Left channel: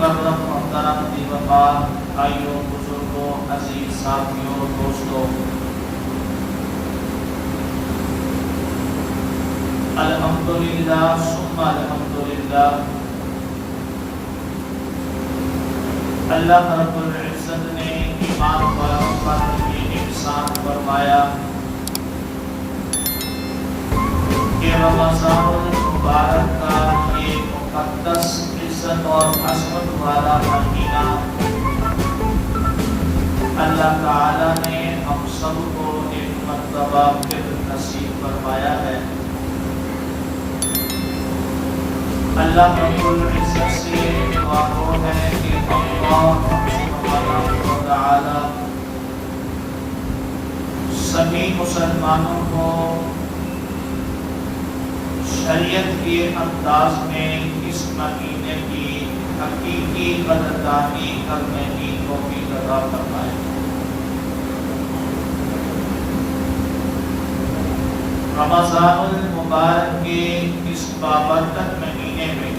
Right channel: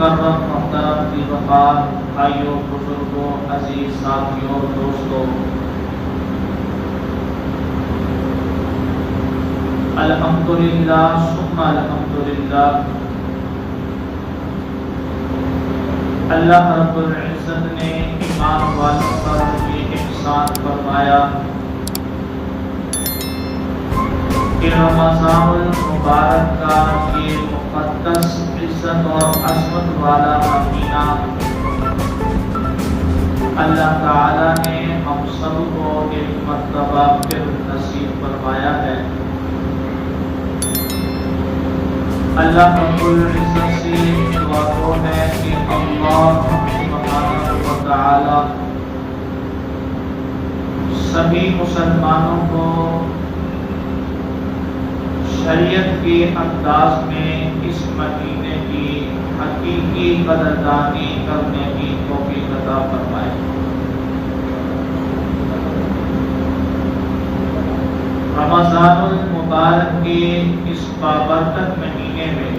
مکرم محترم دی وقار بھائیوں بزرگوں عزیز ساتھیوں دوستوں، الحمدللہ ثم الحمدللہ، اللہ رب العزت نے ایمان والوں پر یہ احسان فرمایا کہ رمضان المبارک کا یہ مقدس عزت اور عظمت والا مہینہ اللہ تعالیٰ نے ہم سب کو ایک مرتبہ پھر نصیب فرمایا ہے۔ اللہ رب العزت سے دعا کو ہے کہ اللہ سبحانہ و تعالی سبھی مسلمانوں کو شریعت کے انداز میں اس مہینے کی حقیقی قدردانی کرنے کی توفیق عطا فرمائے۔ رمضان المبارک کے اس بابرکت مہینے میں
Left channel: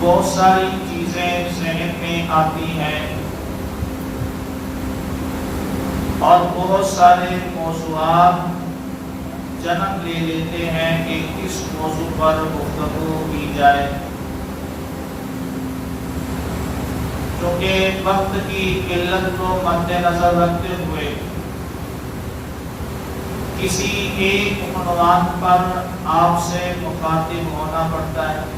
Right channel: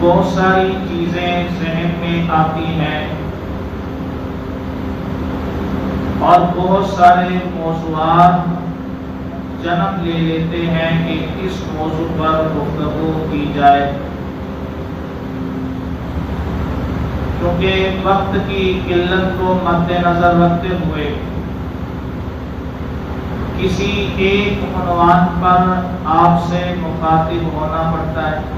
بہت ساری چیزیں ذہن میں آتی ہیں اور بہت سارے موضوعات جنم لے لیتے ہیں کہ کس موضوع پر گفتگو کی جائے، کیونکہ وقت کی قلت کو مد نظر رکھتے ہوئے کسی ایک عنوان پر آپ سے مخاطب ہونا پڑتا ہے۔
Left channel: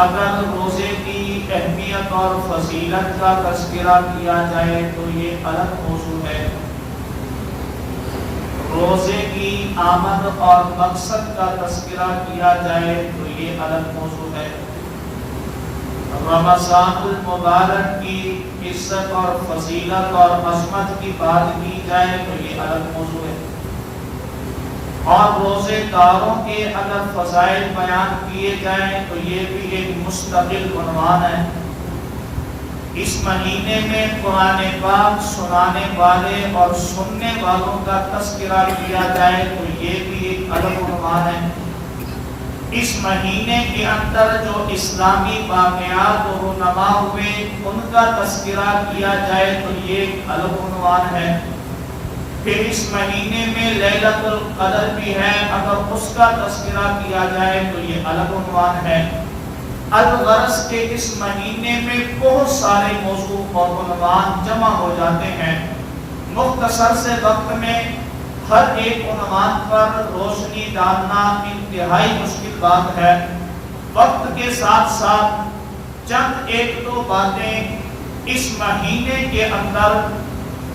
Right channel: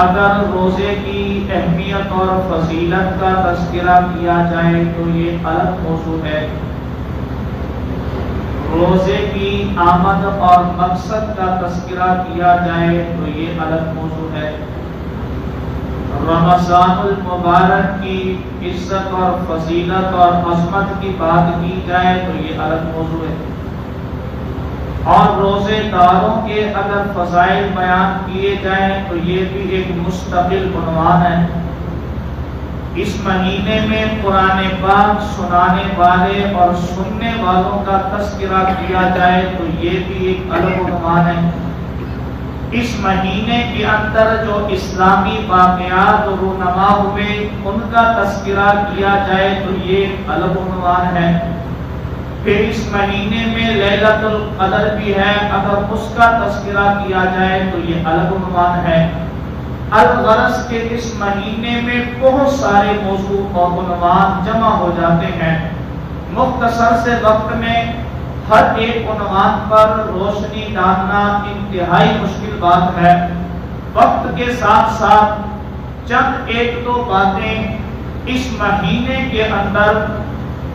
اگر روزے کی اہمیت اور فضیلت کا تذکرہ کیا جائے تو یہ الگ موضوع ہے، روزے کی آمد اور مقصد کا تذکرہ کیا جائے تو یہ الگ موضوع ہے، رمضان المبارک کی عزت اور فضیلت اور عظمت کی بات کی جائے تو یہ الگ موضوع ہے، اور روزے داروں کے اگر فضائل بیان کیے جائیں تو یہ بھی ایک مستقل عنوان ہے۔ اس مہینے میں قرآن پاک سنانے والے اور سننے والوں کا تذکرہ کیا جائے تو یہ بھی ایک الگ عنوان ہے۔ اس مہینے کے اندر جو اسلامی واقعات رونما ہوئے ان کا تذکرہ کیا جائے تو یہ ایک الگ عنوان ہے۔ پھر اس مہینے میں لیلۃ القدر بھی ہے، اگر اس کا تذکرہ کیا جائے تو یہ الگ عنوان ہے۔ الغرض کے اس مہینے میں بہت سارے موضوع اور عنوان جمع ہو جاتے ہیں، مختصر سے وقت میں ہر ایک عنوان پر روشنی ڈالنا انتہائی مشکل بات ہے۔ وقت کے ساتھ ساتھ چند ایک دو باتیں اس مہینے کے اندر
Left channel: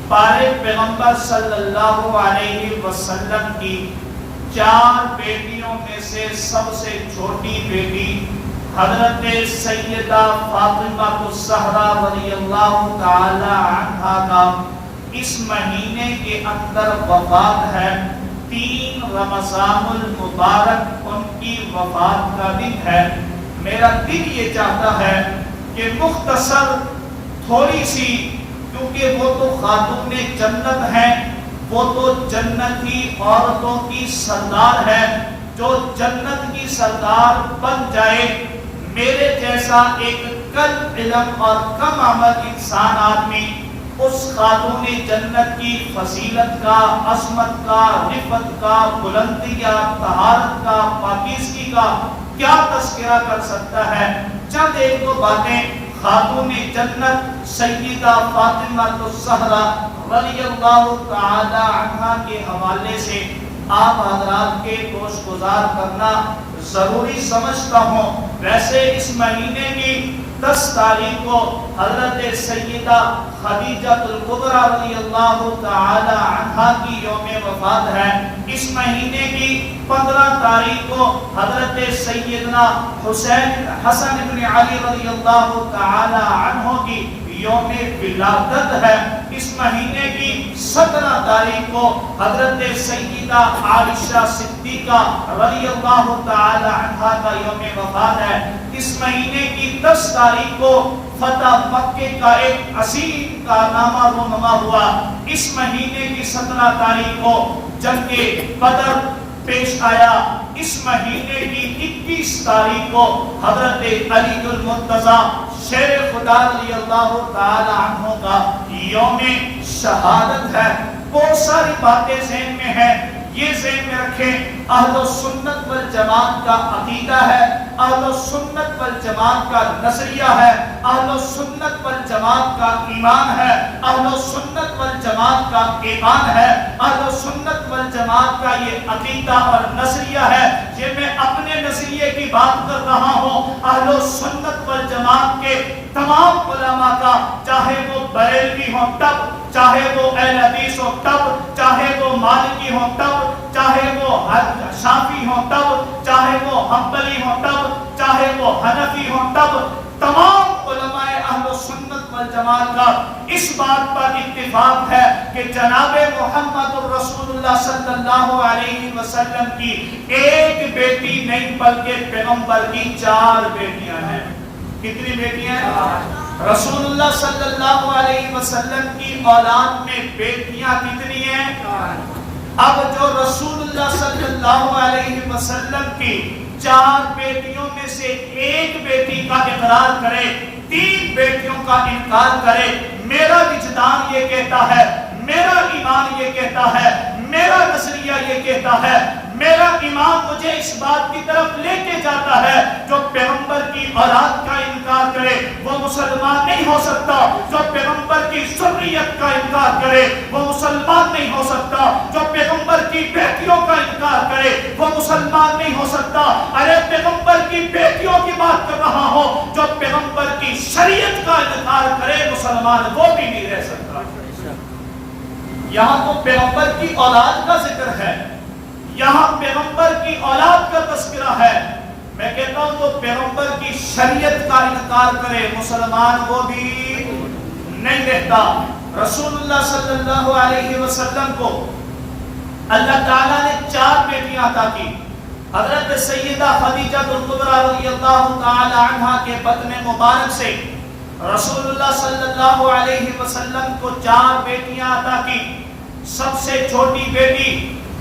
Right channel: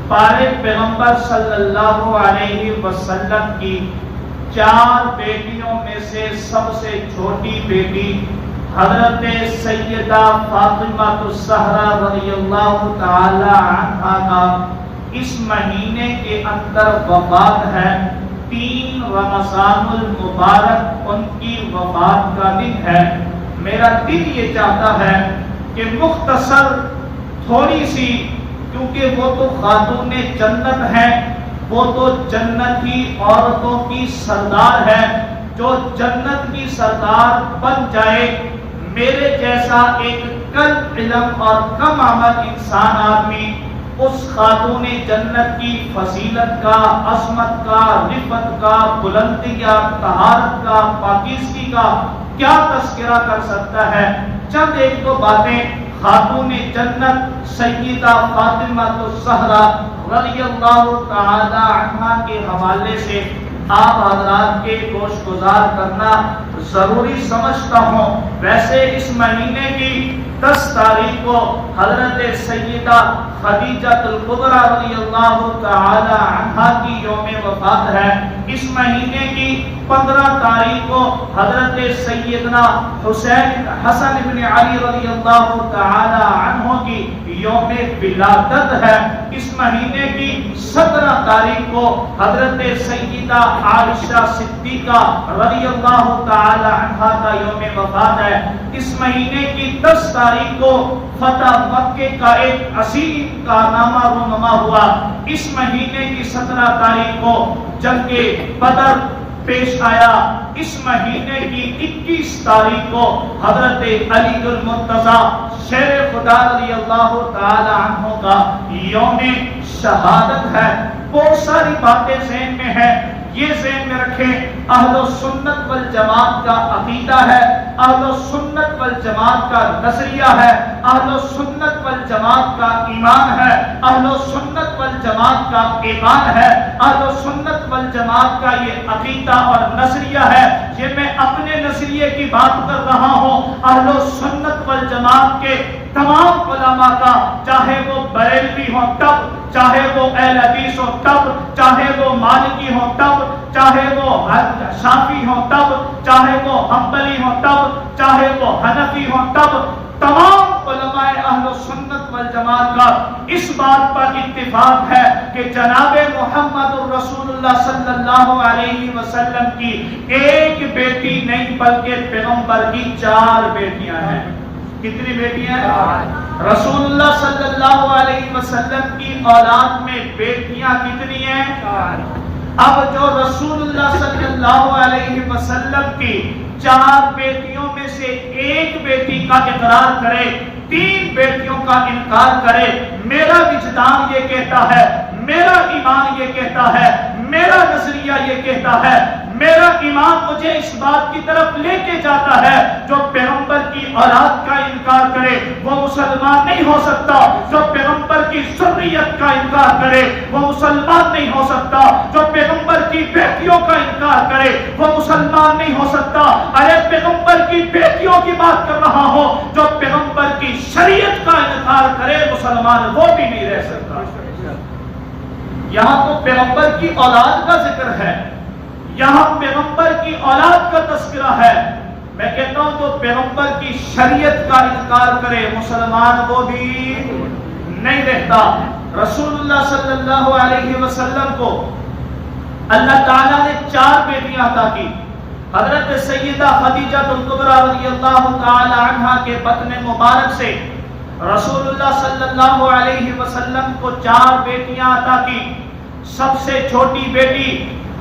پارے پیغمبر صلی اللہ علیہ وسلم کی 4 بیٹیوں میں سے سب سے چھوٹی بیٹی حضرت سیدہ فاطمہ الزہرا رضی اللہ تعالی عنہا کا اس مہینے کے اندر وفات ہے۔ 3 رمضان المبارک ان کی وفات کا دن ہے۔ میرا دل یہ چاہتا ہے کہ مختصر تھوڑی سی، کیونکہ وہ تو خاتون جنت ہے، وہ تو جنت کی عورتوں کی سردار ہے، جو جنت کی سردار بن جائے، میرے جیسا ایک کم علم اور کم عمل انسان آدمی اس خاتون جنت کی فضیلت کا، عظمت کا، رفعت کا، بلندی کا، طہارت کا، پاکیزگی کا کیا تذکرہ کر سکتا ہے؟ چند ایک دو باتیں خاتون جنت سیدہ فاطمہ الزہرا رضی اللہ تعالی عنہا کے حوالے سے آپ حضرات کے گوش گزار کرنا ضروری سمجھتا ہوں۔ ویسے اس مہینے کی 10 تاریخ کو حضرت سیدہ خدیجہ الکبریٰ رضی اللہ تعالی عنہا کی یوم وفات ہے۔ اس مہینے کی 15 تاریخ کو حضرت سیدنا حسن بن علی رضی اللہ تعالی عنہ کی یوم ولادت ہے۔ اس مہینے کی 17 تاریخ کو حضرت سیدہ عائشہ صدیقہ رضی اللہ تعالی عنہا کا یوم وفات ہے۔ اس مہینے کی 10 تاریخ کو فتح مکہ کا ایک عظیم کارنامہ رونما ہوا۔ اس مہینے کی 17 تاریخ کو جنگ بدر پیش آیا، اس مہینے کی 21 تاریخ کو حضرت علی المرتضیٰ شیر خدا رضی اللہ تعالی عنہ کا یوم شہادت ہے۔ بہت ساری باتیں ذہن میں ہیں، یہ ذہن میں رکھیں، اہل سنت والجماعت کا عقیدہ ہے، اہل سنت والجماعت کا نظریہ ہے، اہل سنت والجماعت کا ایمان ہے، اہل سنت والجماعت کا ایمان ہے، اہل سنت والجماعت کا یہ عقیدہ اور نظریہ ہے۔ یہ میں اپنے نظریے کی بات کر رہا ہوں، اہل سنت والجماعت کے تمام علماء کا، چاہے وہ بریلوی ہوں تب، چاہے وہ اہل حدیث ہوں تب، چاہے وہ مالکی ہوں تب، چاہے وہ شافعی ہوں تب، چاہے وہ حنبلی ہوں تب، چاہے وہ حنفی ہوں تب، تمام علماء اہل سنت والجماعت کا اس بات پر اتفاق ہے کہ جناب محمد الرسول اللہ صلی اللہ علیہ وسلم کی ایک بیٹی نہیں بلکہ پیغمبر کی 4 بیٹیاں ہیں۔ کتنی بیٹیاں ہیں؟ رسول اللہ صلی اللہ علیہ وسلم کی اولاد میں بیٹیاں کتنی ہیں؟ اب جو رسول اللہ صلی اللہ علیہ وسلم کی 4 بیٹیوں میں سے ایک بیٹی کا اقرار کرے، 3 بیٹیوں کا انکار کرے، میرا وجدان یہ کہتا ہے، میرا ایمان یہ کہتا ہے، میرا نظریہ یہ کہتا ہے، میرا ایمان مجھے اس بات کی طرف لے کے جاتا ہے، جو پیغمبر کی اولاد کا انکار کرے وہ مسلمان نہیں ہو سکتا، جو پیغمبر کی ذریت کا انکار کرے وہ مسلمان نہیں ہو سکتا، جو پیغمبر کی بیٹیوں کا انکار کرے وہ مسلمان نہیں ہو سکتا۔ ارے پیغمبر کی بیٹیوں کی بات کر رہا ہوں، جو پیغمبر کی شریعت کا انکار کرے مسلمان وہ بھی نہیں رہ سکتا۔ یہاں تو پیغمبر کی اولاد کا ذکر ہے، یہاں پیغمبر کی اولاد کا تذکرہ ہے، میں کہتا ہوں جو پیغمبر کی شریعت کا انکار کرے مسلمان وہ بھی نہیں رہتا۔ رسول اللہ صلی اللہ علیہ وسلم کو اللہ تعالیٰ نے 4 بیٹیاں عطا کی۔ حضرت سیدہ خدیجہ کبریٰ رضی اللہ تعالی عنہا کے بطن مبارک سے رسول اللہ صلی اللہ علیہ وسلم کو 4 بیٹیاں عطا کی۔ سب سے چھوٹی بیٹی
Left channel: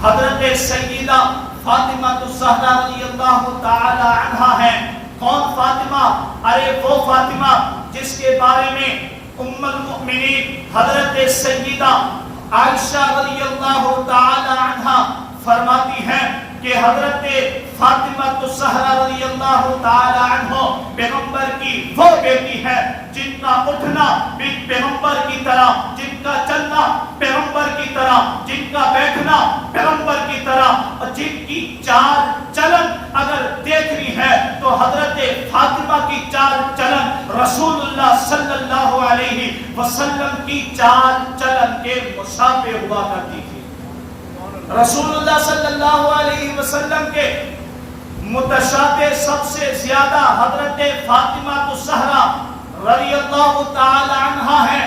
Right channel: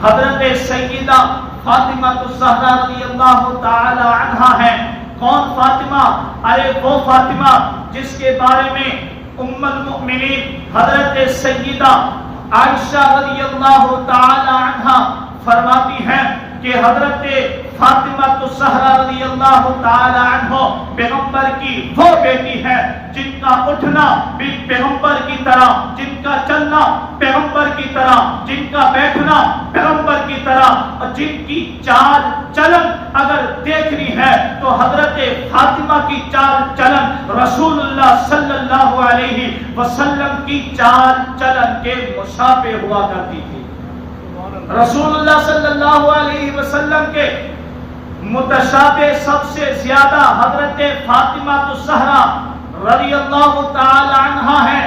حضرت سیدہ فاطمہ الزہرا رضی اللہ تعالی عنہا ہے۔ کون فاطمہ؟ ارے وہ فاطمہ جس کے بارے میں ام المؤمنین حضرت سیدہ عائشہ رضی اللہ تعالی عنہا فرماتی ہیں کہ حضرت فاطمہ الزہرا رضی اللہ تعالی عنہ پیغمبر کی وہ بیٹی ہے جن کا اٹھنا بھی پیغمبر کی طرح، جن کا چلنا پیغمبر کی طرح، جن کا بیٹھنا پیغمبر کی طرح، اور جن کی چال چلن اگر دیکھنی ہے تو حضرت فاطمہ کی چال چلن رسول اللہ صلی اللہ علیہ وسلم کی چال چلن کے مشابہ ہوا کرتی تھی۔ رسول اللہ صلی اللہ علیہ وسلم کے متشابہ سب سے زیادہ حضرت فاطمہ الزہرا رضی اللہ تعالی عنہا ہے۔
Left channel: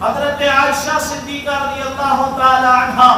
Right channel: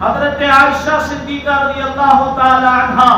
حضرت عائشہ صدیقہ رضی اللہ تعالی عنہا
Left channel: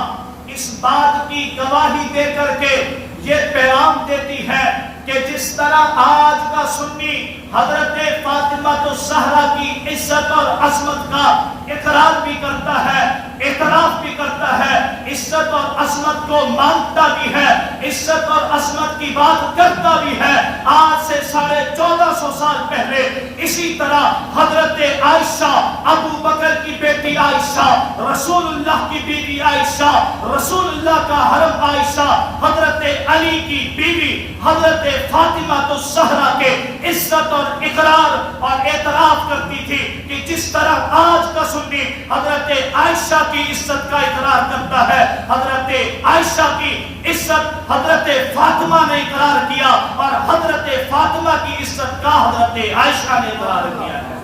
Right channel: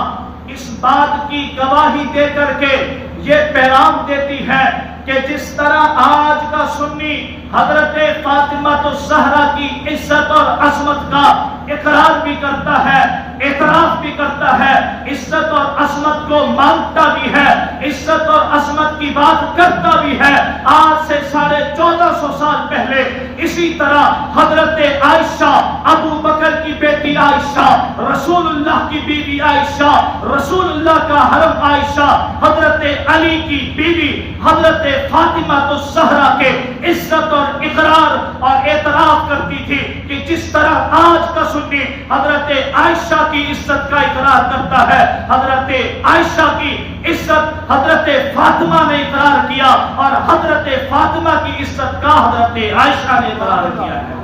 اس بات کی گواہی دے کر کے یہ پیغام دیتی ہے کہ جس طرح آج کا سنی حضرت فاطمہ الزہرا کی عزت اور عظمت کا اقرار بھی کرتا ہے، اعتراف بھی کرتا ہے، عزت اور عظمت کو مانتا بھی ہے، عزت اور عظمت کی بات کرتا بھی ہے، آج سے 1450 سال پہلے اسی طرح حضرت عائشہ، ابو بکر کی بیٹی عائشہ، رسول اللہ کی بیوی عائشہ، رسول اللہ کا حرم عائشہ، حضرت علی کی بیوی حضرت فاطمہ الزہرا کے عزت اور اقرار اور اعتراف کرتی تھی کہ جس طرح آج کا سنی حضرت عائشہ کی عزت کا اقرار کرتا ہے، حضرت عائشہ کی عزت حضرت فاطمہ نے اقرار کیا اور حضرت فاطمہ کی عزت کا حضرت عائشہ نے اقرار کیا ہے۔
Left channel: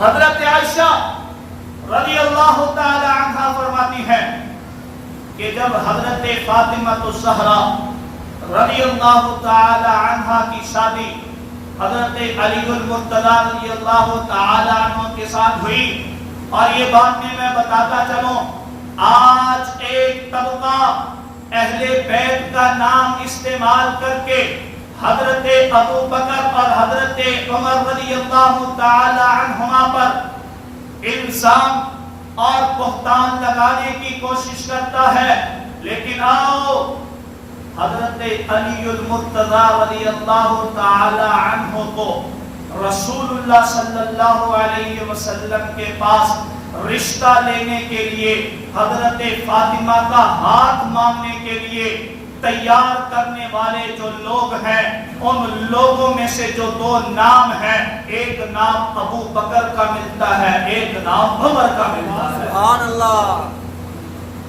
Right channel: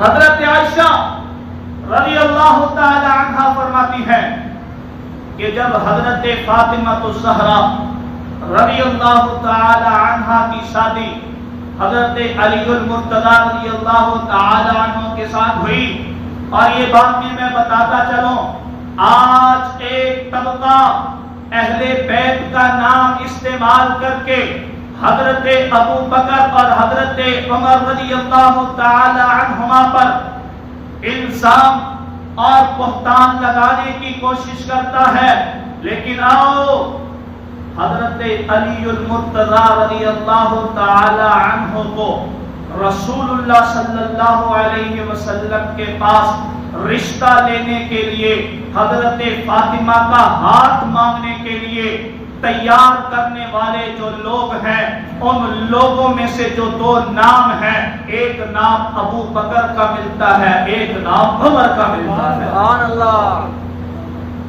حضرت عائشہ رضی اللہ تعالی عنہا فرماتی ہے کہ جب حضرت فاطمہ الزہرا رضی اللہ تعالی عنہا کی شادی حضرت علی المرتضیٰ رضی اللہ تعالی عنہ کے ساتھ ہوئی، اور یہ بات میں بتاتا چلوں، آج ایک طبقہ اہل بیت کا نام استعمال کر کے حضرت ابو بکر اور حضرت عمر رضی اللہ تعالی عنہما پر الزام اور بہتان لگانے کی کوشش کرتا ہے، لیکن آؤ حضرت علی المرتضی رضی اللہ تعالی عنہ کو رسول اللہ صلی اللہ علیہ وسلم کے پاس رشتہ لینے کے لیے حضرت فاطمہ کا ہاتھ مانگنے کے لیے تیار کرنے والے جو لوگ ہیں، ان لوگوں میں سے جو دو نام ہیں، ایک نام ابو بکر کا ملتا ہے، ایک نام عمر کا ملتا ہے۔ سبحان اللہ۔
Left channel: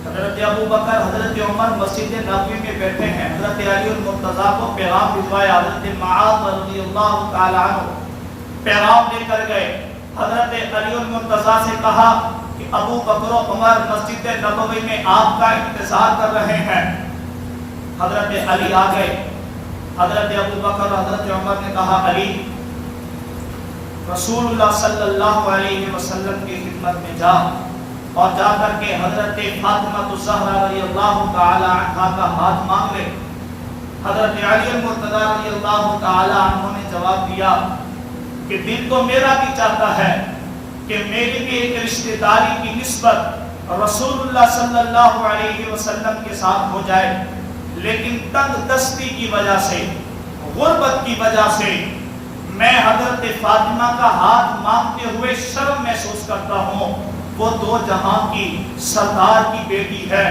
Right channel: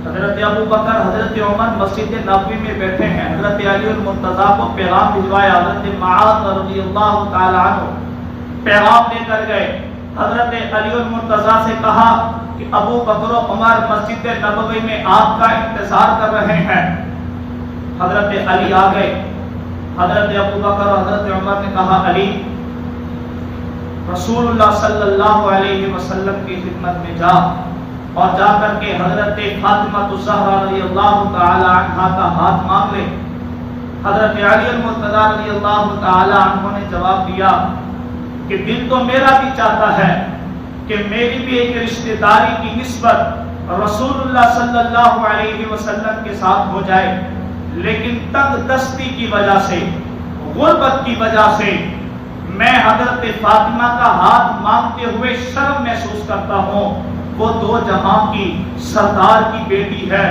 حضرت ابو بکر، حضرت عمر مسجد نبوی میں بیٹھے ہیں، حضرت علی المرتضی کو پیغام بھجوایا، حضرت معاذ رضی اللہ تعالی عنہ پیغام لے کر گئے، حضرت علی المرتضی سے کہا کہ ابو بکر و عمر مسجد نبوی میں آپ کا انتظار کر رہے ہیں۔ حضرت علی آ گئے، حضرت ابو بکر اور حضرت عمر نے کہا علی رسول اللہ صلی اللہ علیہ وسلم کی خدمت میں جا اور جا کر کے حضرت فاطمہ الزہرا رضی اللہ تعالی عنہا کا ہاتھ مانگ لے۔ حضرت علی المرتضی رضی اللہ تعالی عنہ نے جواب دیا کہ دل تو میرا بھی چاہتا ہے کہ میری بھی ایک رشتہ داری کی نسبت رسول اللہ صلی اللہ علیہ وسلم کے ساتھ ہو جائے، لیکن تنگ دستی کی وجہ سے، غربت کی وجہ سے میں حضرت فاطمہ کا ہاتھ مانگتے ہوئے شرم محسوس کرتا ہوں۔ وہ دو جہاں کی سردار کی بیٹی ہے،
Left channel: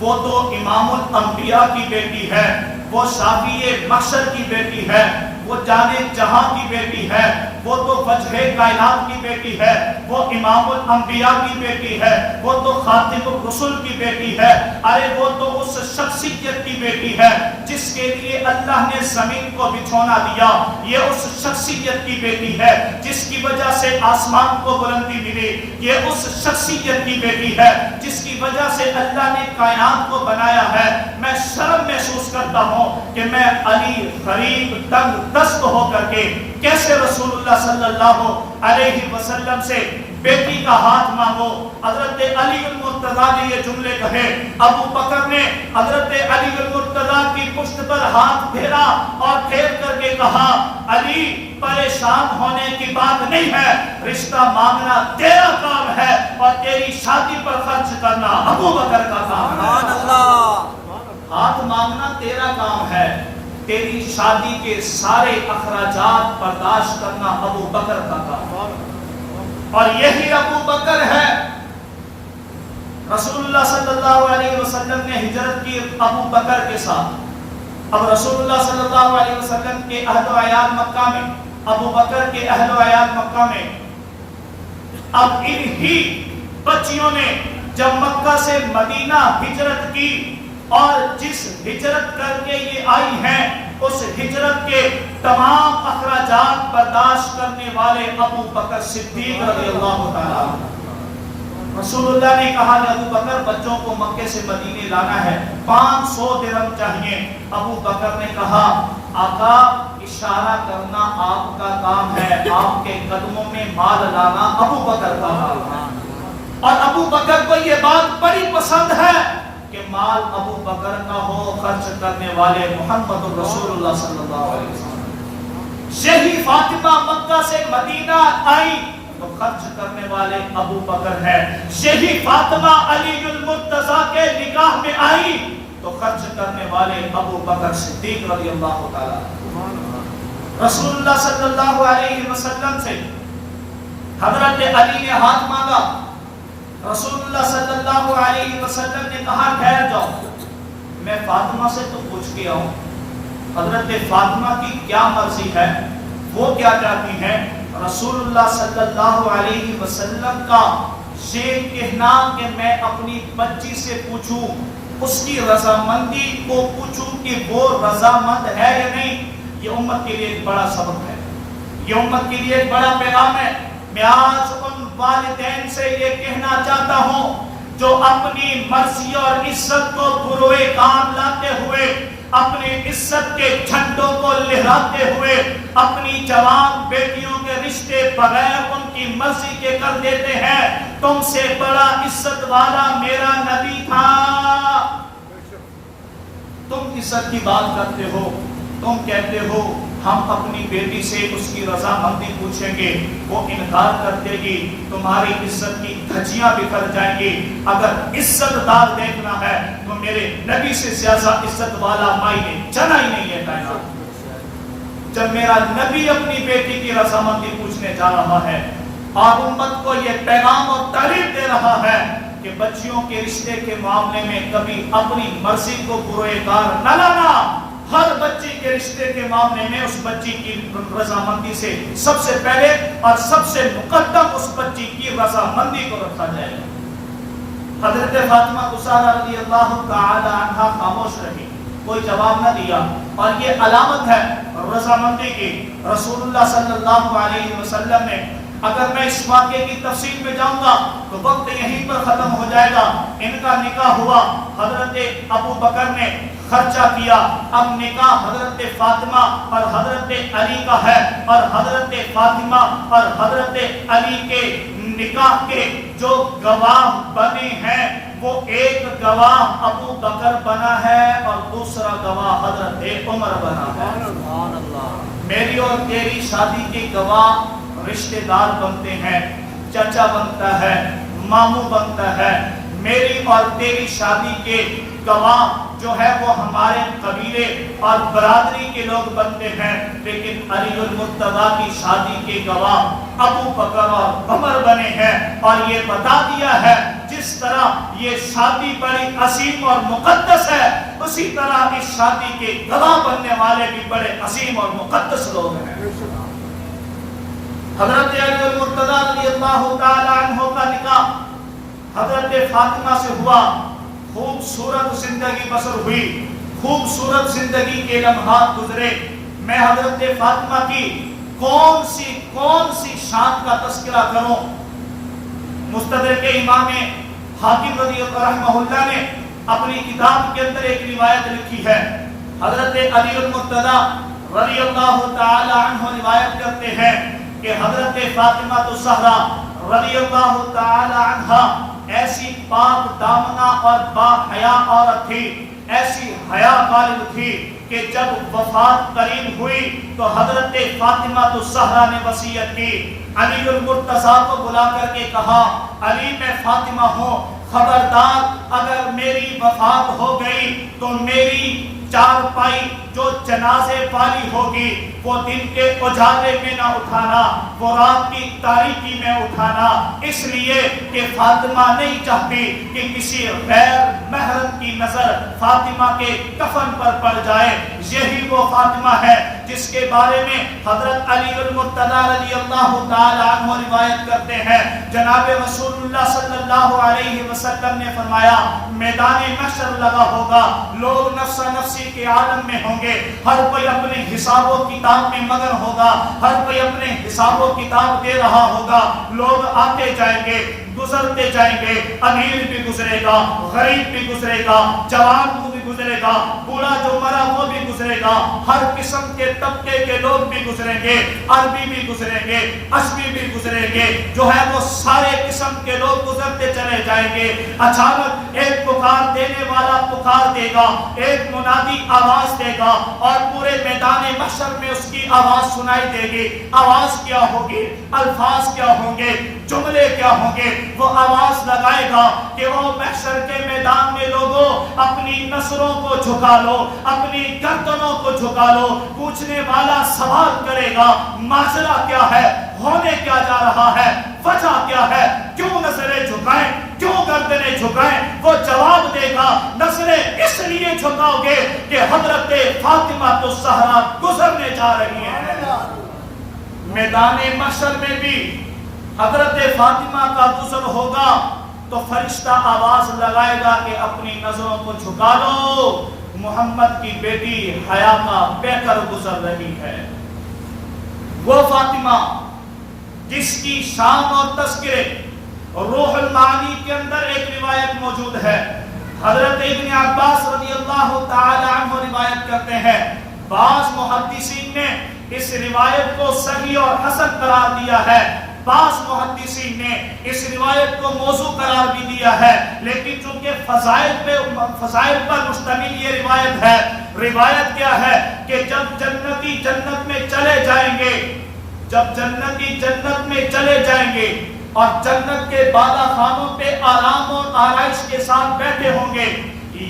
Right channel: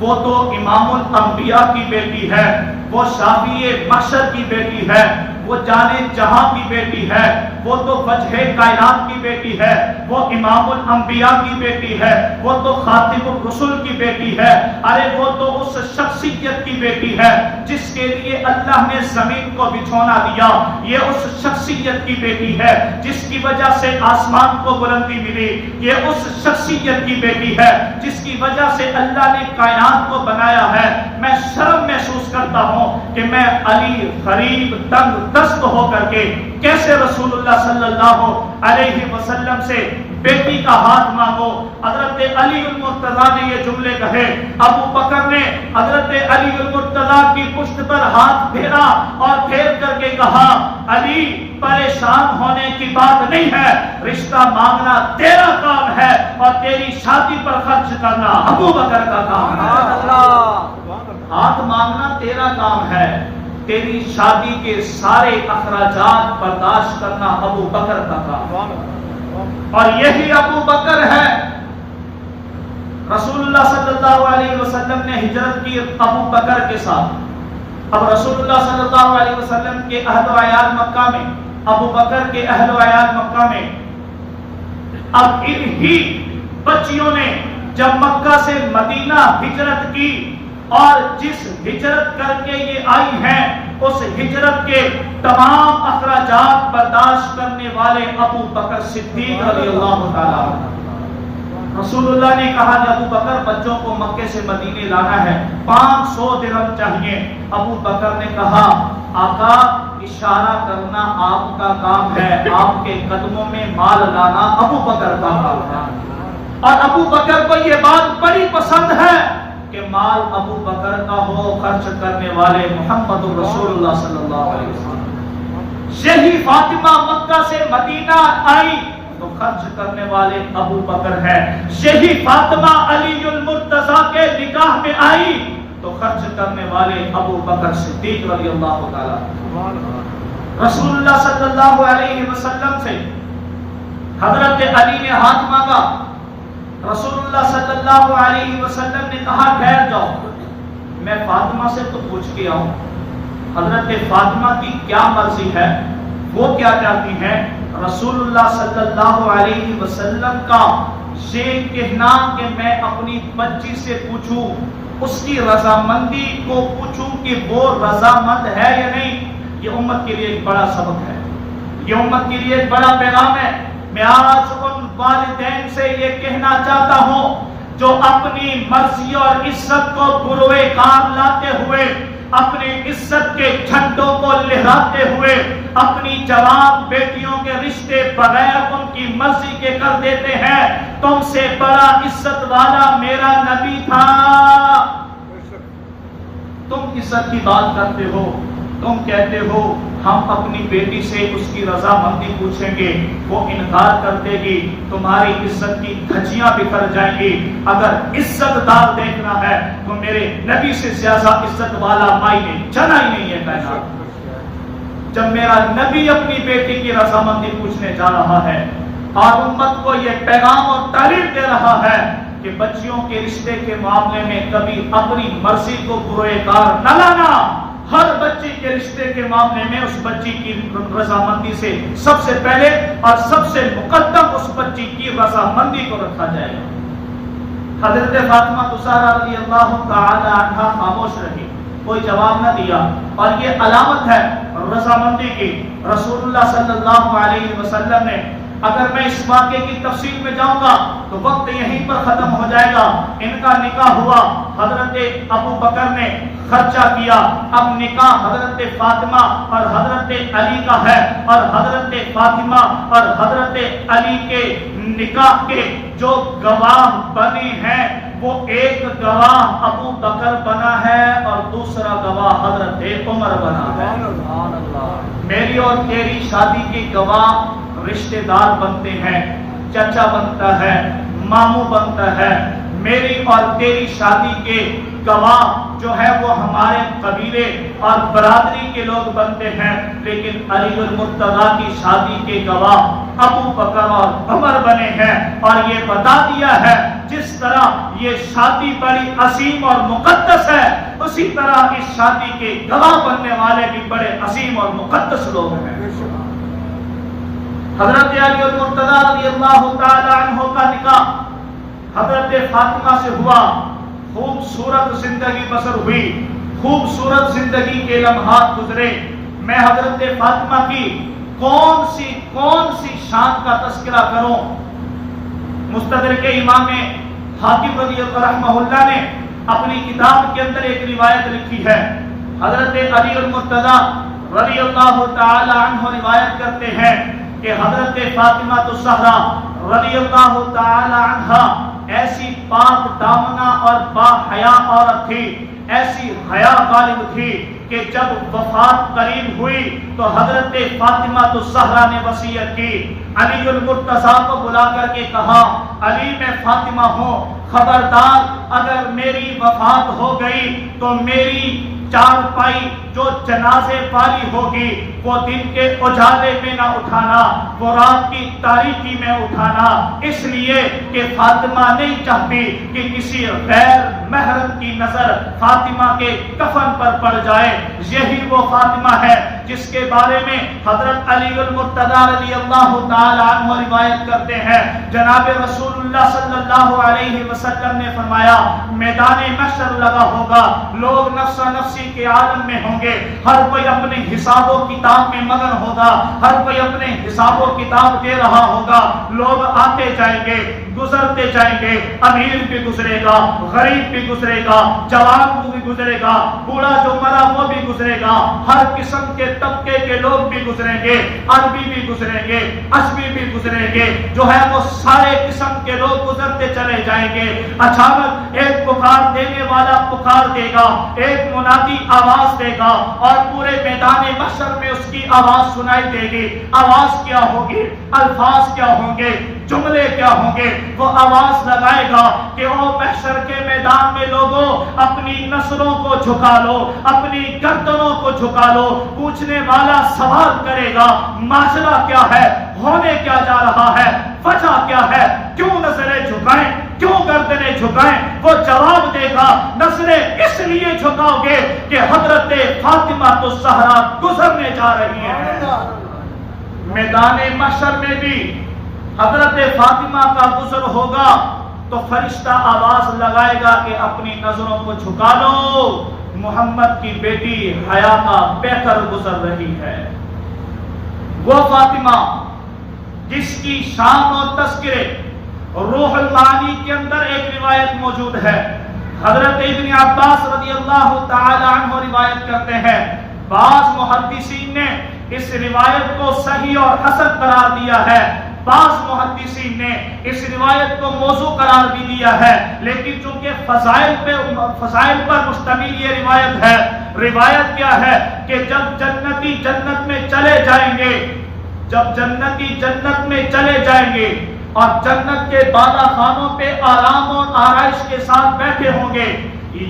وہ تو امام الانبیاء کی بیٹی ہے، وہ شافی محشر کی بیٹی ہے، وہ جانے جہاں کی بیٹی ہے، وہ تو وجہ کائنات کی بیٹی ہے، وہ امام الانبیاء کی بیٹی ہے، وہ تو خاتم الرسل کی بیٹی ہے، ارے وہ تو اس شخصیت کی بیٹی ہے جس کے لیے اللہ نے زمین کو بچھونا دیا، یہ اس شخصیت کی بیٹی ہے جس کی وجہ سے آسمان کو بلندی ملی، یہ اس شخصیت کی بیٹی ہے جس کی وجہ سے اللہ نے کائنات کو بنایا ہے۔ میں شرم محسوس کرتا ہوں کہ میں علی غریب تنگ دست ہو کر کے کیسے رسول اللہ صلی اللہ علیہ وسلم سے بیٹی کا ہاتھ مانگو۔ حضرت علی المرتضی نے یہ جملے کہے، ابو بکر نے حضرت علی المرتضی کی پشت پر ہاتھ پھیرا اور پھیر کر کے کہا علی پریشان ہونے کی بات نہیں ہے، رشتہ مانگنا تیرا کام ہے اور تیری شادی پر خرچ کرنا ابو بکر کا کام ہے۔ ہاتھ مانگنا تیرا کام ہے، تیری شادی کے سارے اخراجات برداشت کرنا ابو بکر کا کام ہے۔ اور یہی ابو بکر ہے، رسول اللہ صلی اللہ علیہ وسلم نے ہجرت کی ابو بکر کے ساتھ۔ اب رسول اللہ صلی اللہ علیہ وسلم کے اہل و عیال مکہ میں، ابو بکر کے اہل و عیال مکہ میں، اب انہی بچیوں نے جب مکہ سے مدینہ ہجرت کی اور جس ہجرت کر کے یہ آئی ہیں اس ہجرت کے تمام اخراجات برداشت کرنے والے ابو بکر صدیق رضی اللہ تعالیٰ عنہ۔ رسول اللہ نے کہا کہ ابو بکر بچوں کو مکے سے مدینے لانا ہے، 500 درہم چاہیے۔ ابو بکر نے کہا آقا اشارہ کرنا آپ کا کام ہے، آپ کے قدموں میں مال لانا ابو بکر کا کام ہے۔ اور ابو بکر کو یہ بات بڑی پسند ہے کہ مال ابو بکر کا ہو، خرچ کرنے والے محمد رسول اللہ صلی اللہ علیہ وسلم۔ یہی فاطمہ مکہ سے مدینہ آئی تو خرچ کرنے والے ابو بکر ہے، یہی فاطمہ علی المرتضی کے نکاح میں آئی تو خرچ کرنے والے ابو بکر صدیق رضی اللہ تعالیٰ۔ رسول اللہ صلی اللہ علیہ وسلم سے حضرت علی نے ہاتھ مانگا، رسول اللہ صلی اللہ علیہ وسلم نے کہا ٹھہر جاؤ، میں فاطمہ سے تو پوچھ کے آؤں حضرت فاطمہ کی کیا مرضی ہے، وہ کیا چاہتی ہیں۔ رسول اللہ صلی اللہ علیہ وسلم کا یہ کہنا کہ میں اپنی بچی سے پوچھوں، اس کی رضامندی کو پوچھوں کہ وہ رضامند ہے یا نہیں، یہ امت کے لیے ایک بڑا سبق ہے، یہ امت کے لیے ایک بڑا پیغام ہے۔ میں آج ان والدین سے یہ کہنا چاہتا ہوں جو اپنی مرضی اور عزت کو بروئے کام لاتے ہوئے، اپنی عزت کے جھنڈوں کو لہراتے ہوئے اپنی جوان بیٹیوں کے رشتے بغیر ان کی مرضی کے کر دیتے ہیں، تم سے بڑا عزت والا میرا نبی تھا۔ تم عزت کی بات کرتے ہو، تم کہتے ہو ہم اپنی بیٹی سے اس کی رضامندی پوچھیں گے، وہ انکار کر دے گی، تمہاری عزت کی دھجیاں بکھر جائیں گی۔ اگر عزت دار دیکھنا ہے تو میرے نبی سے زیادہ عزت والا مائی نے جنا ہی نہیں ہے کائنات۔ جب میرا نبی اپنی بیٹی کی رضامندی پوچھنے جا رہا ہے اور امت کو یہ پیغام اور تعلیم دے رہا ہے کہ بچیوں کے رشتے کے معاملے میں کبھی اپنی مرضی کو بروئے کار نہ لانا، ہر بچی کے رشتے کے معاملے میں اس بچی کی رضامندی سے سب سے پہلے اور سب سے مقدم اس بچی کی رضامندی کو رکھا جائے گا۔ حضرت فاطمہ زہرا رضی اللہ تعالی عنہا خاموش رہی، کوئی جواب نہ دیا، اور یہ علامت ہے رضامندی کی۔ رسول اللہ صلی اللہ علیہ وسلم نے، اگر میں اس واقعے کی تفصیل میں جاؤں گا تو وقت یہیں پر ختم ہو جائے گا۔ ان کا نکاح ہوا، حضرت ابو بکر نے خرچہ کیا، اب نکاح حضرت فاطمہ اور حضرت علی کا ہے، اور حضرت فاطمہ اور حضرت علی کے نکاح کے جو گواہ بنے ہیں وہ ایک گواہ ابو بکر بنا ہے اور دوسرا گواہ حضرت عمر بنا ہے۔ میری اور تیری شادی کے گواہ رشتہ دار بنتے ہیں، چچا بنتا ہے، ماموں بنتا ہے۔ میری اور تیری شادی کے گواہ جو ہے وہ ہمارے قبیلے اور برادری کے لوگ بنتے ہیں، لیکن علی المرتضیٰ کی شادی کے گواہ ابو بکر اور عمر بنے ہیں۔ اور یہ بتا دیا ہے جس طرح یہ شادی بڑی عظیم اور مقدس ہے، اسی طرح اس شادی کے گواہ بننے والے بھی بڑے عظیم اور مقدس لوگ ہیں۔ حضرت علی المرتضیٰ رضی اللہ تعالی عنہ کا نکاح حضرت فاطمہ سے ہوا، خوبصورت زندگی بسر ہوئی، خوبصورت زندگی کے لمحات گزرے۔ میں حضرت فاطمہ کی کون سی شان کا تذکرہ کروں؟ مستدرک امام حاکم رضی اللہ رحمہ اللہ نے اپنی کتاب کے اندر ایک روایت لکھی ہے۔ حضرت علی المرتضیٰ رضی اللہ تعالی عنہ روایت کرتے ہیں کہ حضرت فاطمہ زہرا رضی اللہ تعالی عنہا ایسی پاک دامنہ اور با حیا عورت تھی، ایسی حیا غالب تھی کہ جب وفات قریب ہوئی تو حضرت فاطمہ زہرا نے وصیت کی۔ علی المرتضیٰ کو بلا کر کے کہا، علی میں فاطمہ ہوں، خبردار اگر میری وفات ہو گئی تو میری چارپائی جو جنازے والی ہوگی وہ دن کے اجالے میں نہ اٹھانا، وہ رات کی تاریکی میں اٹھانا، اس لیے کہ فاطمہ نہیں چاہتی کہ کسی غیر محرم کی نظر فاطمہ کے کفن پر پڑ جائے۔ یہی وہ فاطمہ ہے جس کے بارے میں حضرت علی المرتضیٰ رضی اللہ تعالی عنہ روایت کرتے ہیں، جناب رسول اللہ صلی اللہ علیہ وسلم نے فرمایا، میدان محشر لگا ہوگا، لوگ نفس نفسی کے عالم میں ہوں گے، ہر کوئی اپنے حساب و کتاب میں مگن ہوگا، ہر کوئی اپنے حساب و کتاب دے رہا ہوگا، لوگ آتے جائیں گے، گزرتے جائیں گے، امیر بھی گزرے گا، غریب بھی گزرے گا، جوان بھی گزرے گا، بوڑھا جو مرا وہ بھی گزرے گا، ہر قسم کے طبقے کے لوگ بھی گزریں گے، عربی بھی گزریں گے، عجمی بھی گزریں گے، جو ہے وہ سارے قسم کے لوگ گزرتے چلے جائیں گے۔ اچانک ایک پکار دینے والا پکار دے گا، ایک منادی آواز دے گا اور پورے میدان محشر میں اس کی آواز سنائی دے گی۔ آواز کیا ہوگی؟ الفاظ کیا ہوں گے؟ جملے کیا ہوں گے؟ وہ آواز لگائے گا کہ او محشر کے میدان میں لوگوں اپنی نظروں کو جھکا لو، اپنی گردنوں کو جھکا لو۔ پوچھنے والا سوال کرے گا، ماجرا کیا ہے؟ ہونے کیا جا رہا ہے؟ وجہ کیا ہے؟ کیوں نظریں جھکائیں؟ کیوں گردنیں جھکائیں؟ وہ جواب دے گا، نظریں اس لیے جھکاؤ گے کہ حضرت فاطمہ زہرا گزرنے جا رہی ہیں۔ میدان محشر میں بھی حضرت فاطمہ کا گزر ہوگا تو فرشتہ آواز لگائے گا کہ اپنی نظروں کو جھکا لو، محمد کی بیٹی حیا کا پیکر گزر رہی ہے۔ وہ فاطمہ جس کی شان اور تذکرے روح المعانی کے اندر ایک روایت موجود ہے، حضرت ابن عباس رضی اللہ تعالی عنہ روایت کرتے ہیں، بعض محدثین نے اس روایت کو صحیح اور حسن قرار دیا ہے، بعض محدثین نے اس روایت کو موضوع قرار بھی دیا ہے، لیکن چونکہ فضائل پر مشتمل یہ روایت ہے۔ روایت کیا ہے کہ جب جنتی جنت میں چلے جائیں گے، جب جنتی جنت میں چلے جائیں گے اور جنت کے بالا خانوں پہ آرام اور آرائش کے ساتھ بیٹھے ہوں گے،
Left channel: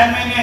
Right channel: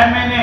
MNA,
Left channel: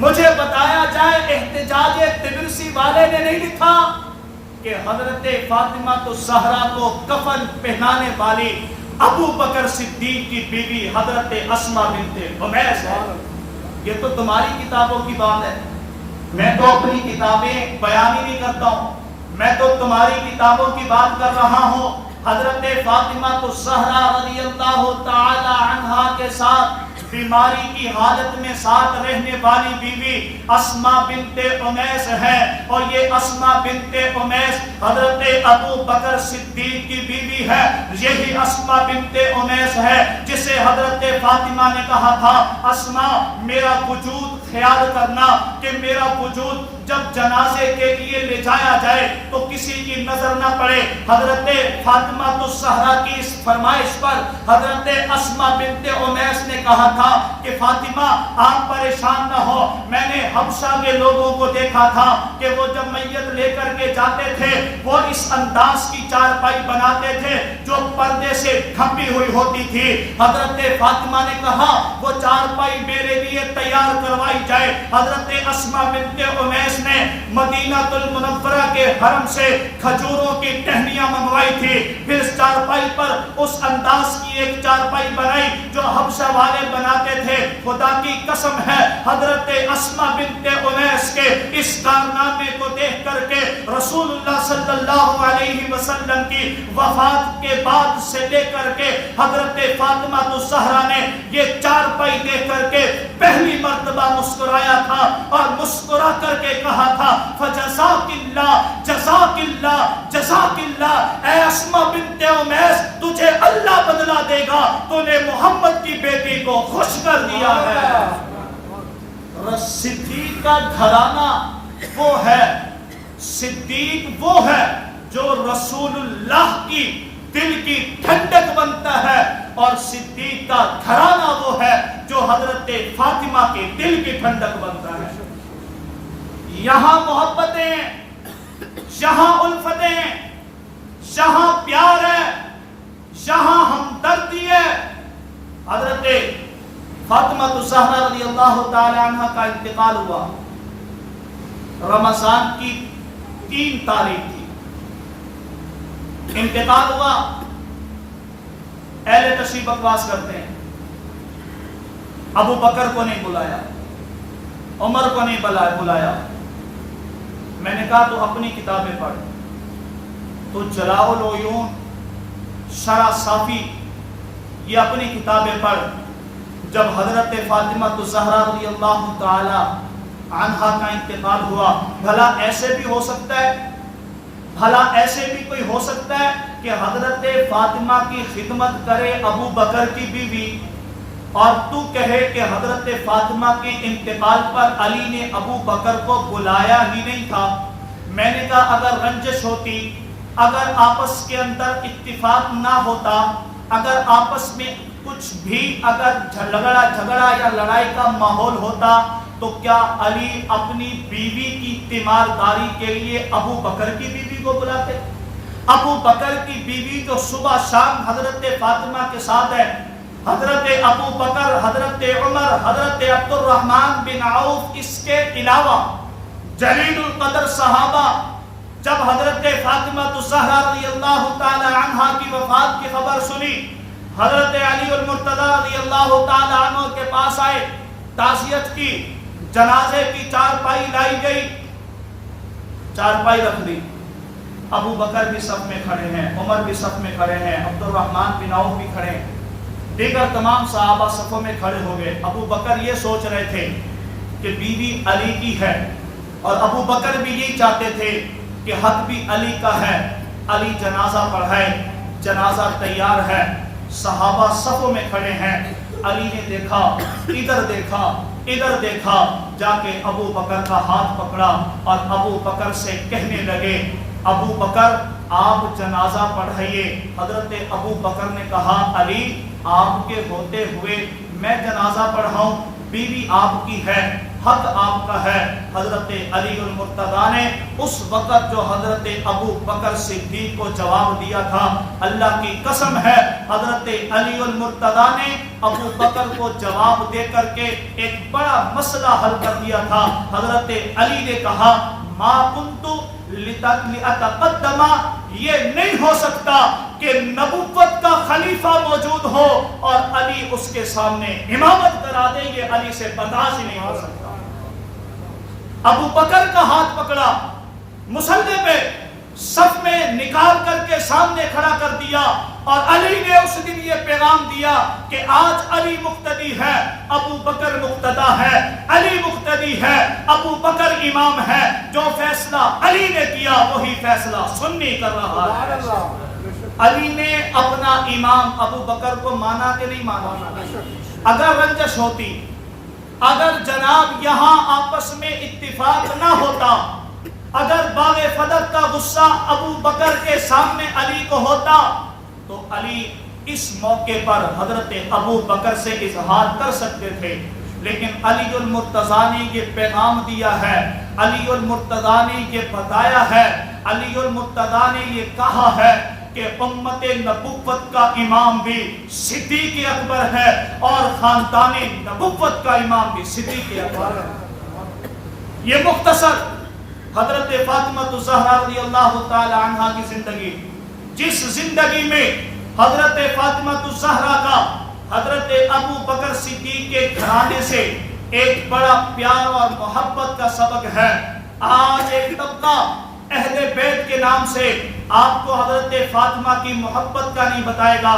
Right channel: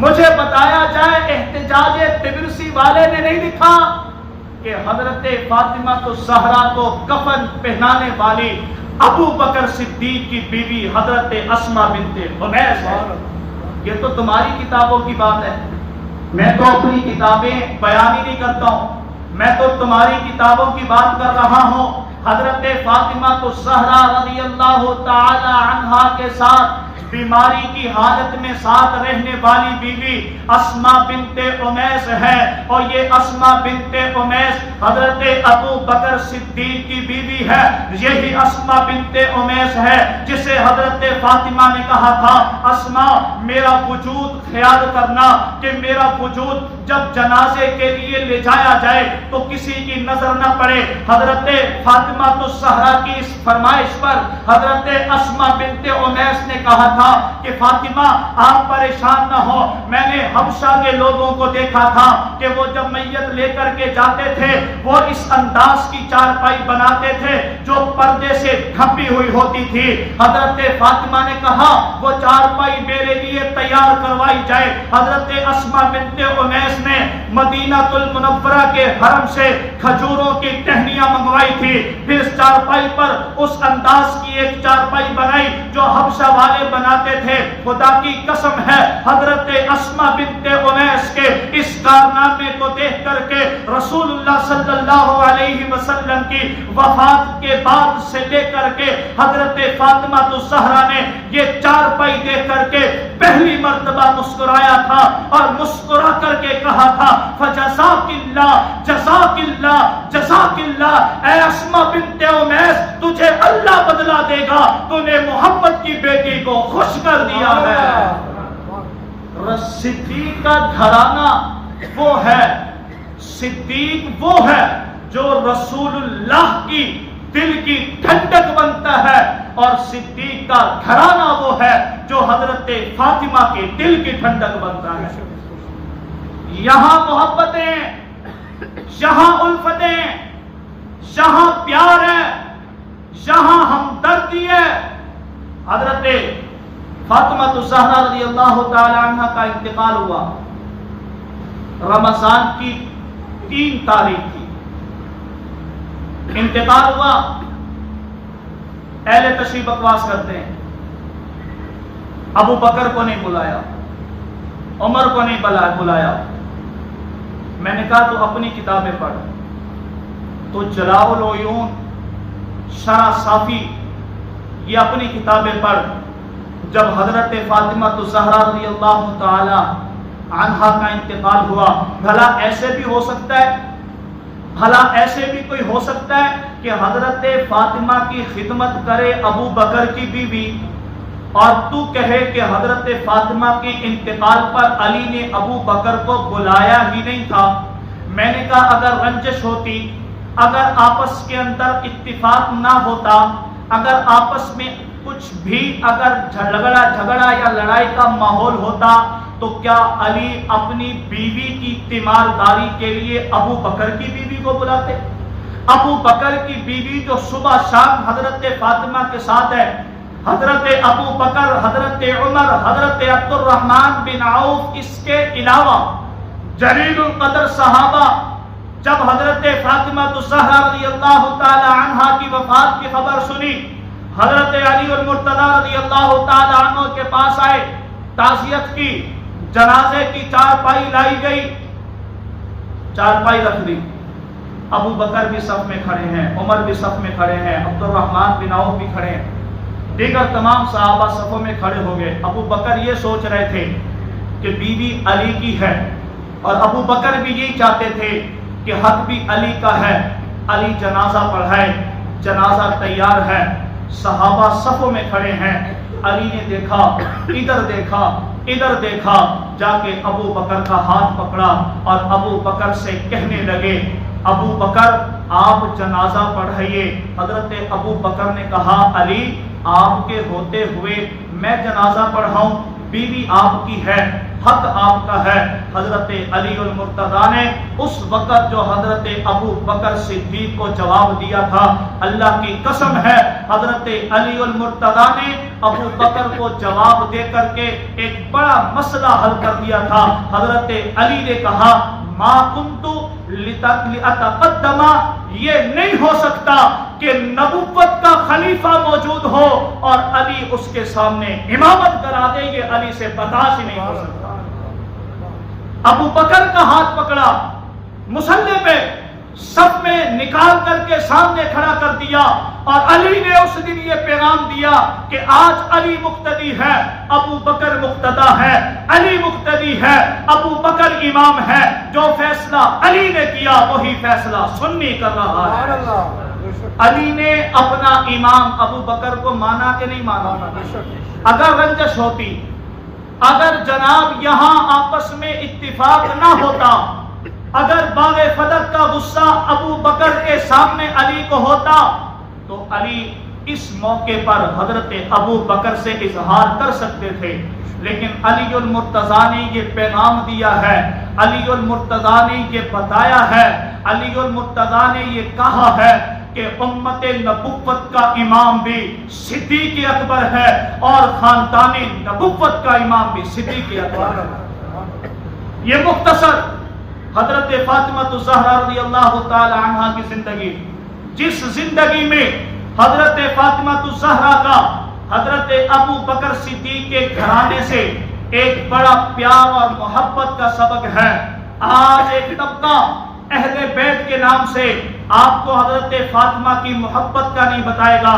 مجھے بتایا جائے احتجاج طبرسی والے نے نہیں لکھا کہ حضرت فاطمہ الزہرا کو کفن پہنانے والی ابو بکر صدیق کی بیوی حضرت اسماء بنت عمیس ہے. یہ تو تمہاری کتابوں کی بات ہے. میں تو اپنی کتابیں بیان ہی نہیں کرتا ہوں, میں تو تمہاری کتابوں کی بات کر رہا ہوں. حضرت فاطمہ الزہرا رضی اللہ تعالی عنہا کے ساتھ بیماری کی حالت میں ساتھ رہنے والی بیوی اسماء بنت عمیس ہے, اور یہ اسماء بنت عمیس حضرت ابو بکر صدیق کی بیوی ہے. یہی اسماء بنت عمیس ہے جسے حضرت فاطمہ نے کہا تھا, اسماء میرا وجود خیال کرنا کہ میرا وجود جب جنازے کے لیے لے جایا جائے تو کسی کی نظر نہ پڑے. حضرت فاطمہ الزہرا کی اس فرمائش پر حضرت اسماء بنت عمیس نے کہا تھا کہ فاطمہ آپ پریشان نہ ہو, میں نے حبشہ کے لوگوں کو دیکھا تھا کہ وہ جب میت لے کر کے جاتے تھے وہ اس انداز کی چارپائی بناتے تھے جو پردے سے ڈھپی ہوئی ہوتی تھی. حضرت فاطمہ نے کہا وہ چارپائی میرے لیے تیار کروائی جائے. حضرت اسماء بنت عمیس نے مدینہ المنورہ کے حرم سے کھجوروں کی ٹہنیاں منگوائی تھی, پھر اس چارپائی پر اس انداز کی ایک چارپائی بنائی جو حبشہ والے بناتے تھے. خدا کی قسم ہے حضرت اسماء بنت عمیس کے اس کارنامے کو دیکھ کر کے رسول اللہ صلی اللہ علیہ وسلم کی وفات کے بعد سے لے کر کے حضرت فاطمہ الزہرا نے یہ چارپائی دیکھ کر کے پہلی مرتبہ مسکرایا تھا, اور مسکرا کر کے کہا تھا فجزاک اللہ جزاک اللہ جزاک اللہ, اے اسماء بنت عمیس تجھے اللہ بدلہ دے گا, تو نے محمد کی بیٹی کو خوش کر دیا ہے. صدیق کا گھرانہ وہ ہے, صدیق وہ ہے جو رسول اللہ کی دل کی ٹھنڈک بنتا ہے, اور صدیق کا گھرانہ وہ ہے جو حضرت فاطمہ کے دل کی ٹھنڈک بنتا ہے. یہاں محبتیں, یہاں الفتیں, یہاں پیار ہے, یہاں ہمدردی ہے. حضرت فاطمہ الزہرا رضی اللہ تعالی عنہ کا انتقال ہوا رمضان کی 3 تاریخ تھی. انتقال ہوا, اہل تشریح بکواس کرتے ہیں ابو بکر کو نہیں بلایا, عمر کو نہیں بلایا. میں نے کہا تو اپنی کتابیں پڑھ, تو جلاء العیون, شرح صافی, یہ اپنی کتابیں پڑھ. جب حضرت فاطمہ الزہرا رضی اللہ تعالی عنہا کا انتقال ہوا, بھلا ایسے بھی ہو سکتا ہے, بھلا ایسے بھی کوئی ہو سکتا ہے کہ حضرت فاطمہ کی خدمت کرے ابو بکر کی بیوی, اور تو کہے کہ حضرت فاطمہ کے انتقال پر علی نے ابو بکر کو بلایا ہی نہیں تھا. میں نے کہا اگر رنجش ہوتی, اگر آپس کے اندر اتفاق نہ ہوتا, اگر آپس میں کچھ بھی اگر جھگڑا یا لڑائی کا ماحول ہوتا, تو کیا علی اپنی بیوی کی تیمارداری کے لیے ابو بکر کی بیوی کو بلاتے؟ ابو بکر کی بیوی جو صبح شام حضرت فاطمہ کے ساتھ ہے, حضرت ابو بکر, حضرت عمر, حضرت عبد الرحمن بن عوف, اس کے علاوہ جلیل القدر صحابہ جب حضرت فاطمہ الزہرا رضی اللہ تعالی عنہا کی وفات کی خبر سنی, حضرت علی المرتضی رضی اللہ تعالی عنہ کے پاس آئے, تعزیت کی, جنازے کی چارپائی لائی گئی, چارپائی رکھ دی. ابو بکر بھی صف میں کھڑے ہیں, عمر بھی صف میں کھڑے ہیں, عبد الرحمن بن عوف بھی کھڑے ہیں, دیگر تمام صحابہ صفوں میں کھڑے ہو گئے. ابو بکر یہ سوچ رہے تھے کہ بیوی علی کی ہے, اور ابو بکر بھی یہی چاہتے تھے کہ حق بھی علی کا ہے. علی جنازہ پڑھائے, جنازہ تیار ہے, صحابہ صفوں میں کھڑے ہیں. علی نے دیکھا, ادھر دیکھا, ادھر دیکھا, جا کے ابو بکر کا ہاتھ پکڑا اور ابو بکر سے کہنے لگے ابو بکر آپ جنازہ پڑھائیے. حضرت ابو بکر نے کہا علی آپ کے ہوتے ہوئے میں جنازہ پڑھاؤں, بیوی آپ کی ہے. حق آپ کا ہے۔ حضرت علی المرتضیٰ نے اس وقت جو حضرت ابو بکر صدیق کو جواب دیا تھا، اللہ کی قسم ہے حضرت علی المرتضیٰ نے ابو بکر کو جواب دے کر کے ایک بڑا مسئلہ حل کر دیا تھا۔ حضرت علی نے کہا ما کنت لأتقدم، یہ نہیں ہو سکتا کہ نبوت کا خلیفہ موجود ہو اور علی اس کے سامنے امامت کرا دے، یہ علی سے برداشت ہی نہیں ہو سکتا۔ ابو بکر کا ہاتھ پکڑا، مصلی پہ صف میں نکال کر کے سامنے کھڑا کر دیا، اور علی نے اس دن یہ پیغام دیا کہ آج علی مقتدی ہے، ابو بکر مقتدا ہے، علی مقتدی ہے، ابو بکر امام ہے، جو فیصلہ علی نے کیا وہی فیصلہ سنی کر رہا ہے۔ علی نے اپنا امام ابو بکر کو مانا کہ نہیں مانا؟ اگر رنجش ہوتی، اگر جناب یہاں آپس میں اتفاق نہ ہوتا، اگر باغ فدق کا غصہ ابو بکر کے سامنے علی کو ہوتا تو علی اس موقع پر حضرت ابو بکر سے اظہار کر سکتے تھے، لیکن علی المرتضیٰ نے یہ پیغام دیا ہے، علی المرتضیٰ نے یہ بتایا ہے، علی المرتضیٰ نے یہ کہا ہے کہ امت نبوت کا امام بھی صدیق اکبر ہے اور خاندان نبوت کا امام بھی صدیق اکبر ہے۔ یہ مختصر حضرت فاطمہ الزہرا رضی اللہ تعالی عنہا کی زندگی، جس زندگی میں حضرت فاطمہ الزہرا کا حضرت ابو بکر صدیق کے گھرانے سے ایک بڑا پیار اور محبت کا سبق ہے۔ آج ایک طبقہ اہل بیت کے نام سے آپ کو حضرت فاطمہ کی محبت کا نہیں بتائے گا،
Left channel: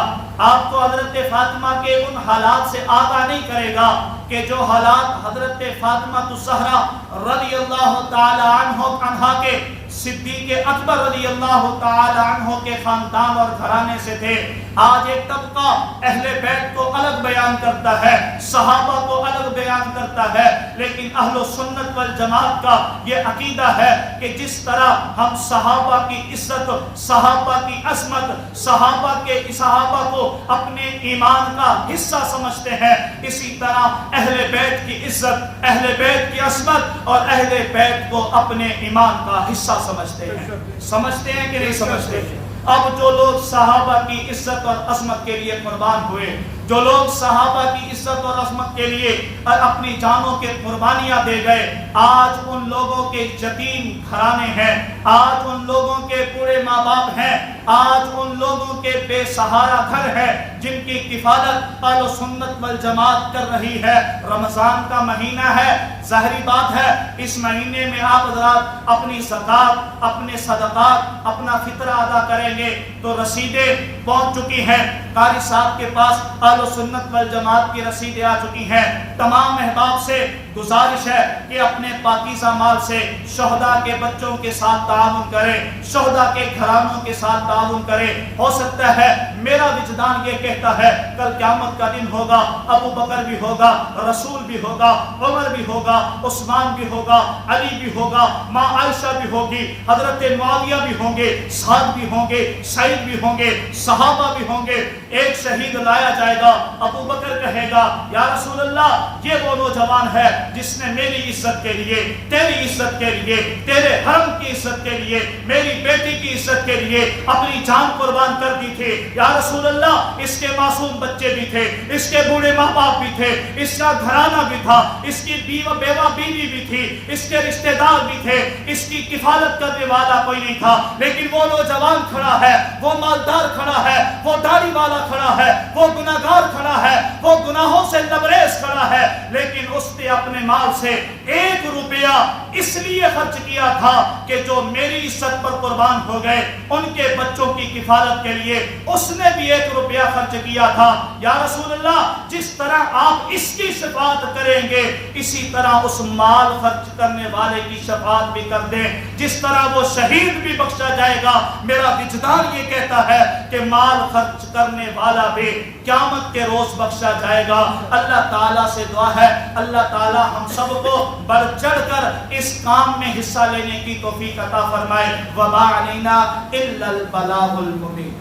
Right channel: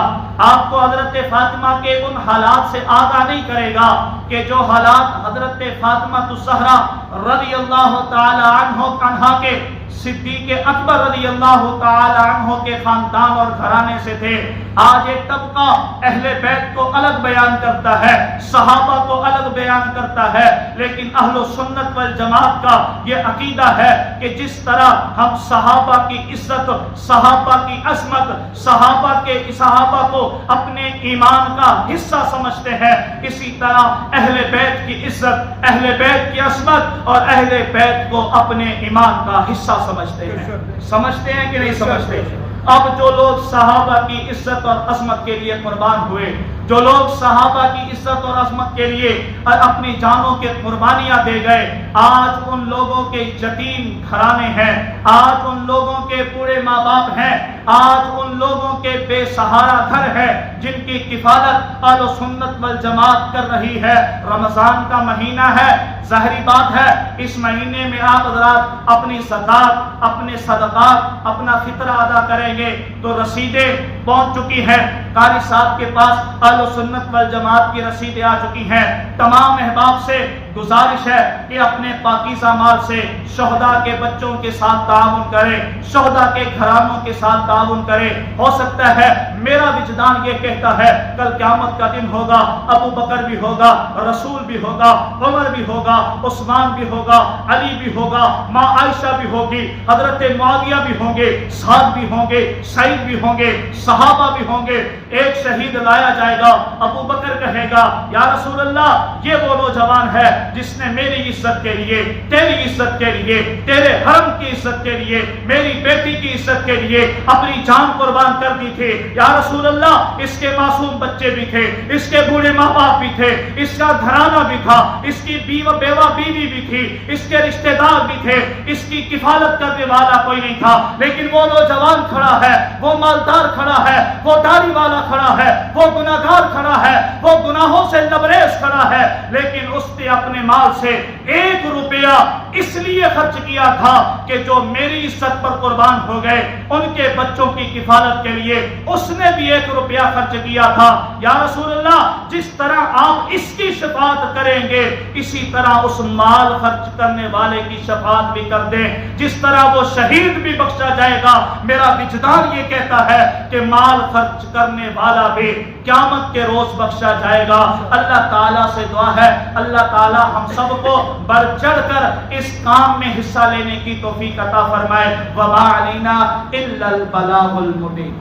آپ کو حضرت فاطمہ کے ان حالات سے آگاہ نہیں کرے گا کہ جو حالات حضرت فاطمہ الزہرا رضی اللہ تعالی عنہا کے صدیق اکبر رضی اللہ تعالی عنہ کے خاندان اور گھرانے سے تھے۔ آج ایک طبقہ اہل بیت کو الگ بیان کرتا ہے، صحابہ کو الگ بیان کرتا ہے، لیکن اہل سنت والجماعت کا یہ عقیدہ ہے کہ جس طرح ہم صحابہ کی عزت، صحابہ کی عظمت، صحابہ کو اپنے ایمان کا حصہ سمجھتے ہیں، اسی طرح اہل بیت کی عزت، اہل بیت کی عظمت اور اہل بیت کو اپنے ایمان کا حصہ سمجھتے ہیں کہ نہیں سمجھتے؟ اب جو لوگ صحابہ کی عزت اور عظمت کے لیے قربان ہوئے، جو لوگ صحابہ کی عزت اور عظمت کے لیے اپنی جانوں کے قربانیاں دے گئے، آج ان لوگوں کے یتیم گھرانے ہیں، آج ان لوگوں کے بوڑھے ماں باپ ہیں، آج ان لوگوں کے بے سہارا گھر ہے جن کی کفالت اہل سنت والجماعت کر رہی ہے۔ رمضان کا مہینہ ہے، ظاہری بات ہے اس مہینے میں آپ حضرات اپنی زکات، اپنے صدقات، اپنا فطرہ ادا کریں گے تو رسیدیں پہنچ چکی ہیں، قاری صاحب کے پاس اہل سنت والجماعت کی رسیدیں آ چکی ہیں۔ تمام احباب سے گزارش ہے کہ اپنے پاکیزہ مال سے شہداء کے بچوں کے ساتھ تعاون کریں، شہداء کے گھرانوں کے ساتھ تعاون کریں۔ ہو سکتا ہے میرا وجدان یہ کہتا ہے کل قیامت کا دن ہوگا، ابو بکر بھی ہوگا، رسول بھی ہوگا، عمر بھی ہوگا، عثمان بھی ہوگا، علی بھی ہوگا، ماں عائشہ بھی ہوگی، حضرت معاویہ بھی ہوں گے، سعد بھی ہوں گے، سعید بھی ہوں گے، صحابہ بھی ہوں گے۔ ایک شہید لایا جائے گا، ابو بکر کہے گا یا رسول اللہ یہ وہ نوجوان ہے جس نے میری عزت کے لیے، تیری عزت کے لیے، تیرے حرم کی عزت کے لیے، میری بیٹی کی عزت کے لیے اپنی جان قربان کر دی تھی۔ یا رسول اللہ اس کے معصوم بچے بھی تھے، اس کے بوڑھے ماں باپ بھی تھے، اس کا گھرانہ بھی تھا، اس کی بیوہ بیوی بھی تھی، اس کے رشتہ دار بھی تھے، اس کی کفالت کرنے والا کوئی نہیں تھا، لیکن وہ نوجوان کھڑا ہے، وہ مالدار کھڑا ہے، وہ داڑھی والا کھڑا ہے، وہ گناہگار کھڑا ہے، وہ گناہوں سے لبریز کھڑا ہے، لیکن اس نے اپنے مال سے 1 روپیہ اس لیے خرچ کیا تھا کہ جو میری عزت پر قربان ہو گئے ان کے بچوں کی کفالت کے لیے اس نے بھی 1 روپیہ خرچ کیا تھا۔ یا رسول اللہ جس طرح آپ اس کی شفاعت کریں گے اسی طرح اس مال خرچ کرنے والے کی شفاعت بھی کر دیں، جس طرح وہ شہید بھی بخشا جائے گا۔ میرا وجدان یہ کہتا ہے کہ مال خرچ کرنے والا بھی قیامت کے روز بخشا جائے گا۔ اللہ تعالیٰ سے دعا ہے اللہ تعالیٰ ہم سب کو بڑھ چڑھ کر اس کام میں حصہ لینے کی توفیق عطا فرمائے۔ وما علینا الا البلاغ المبین۔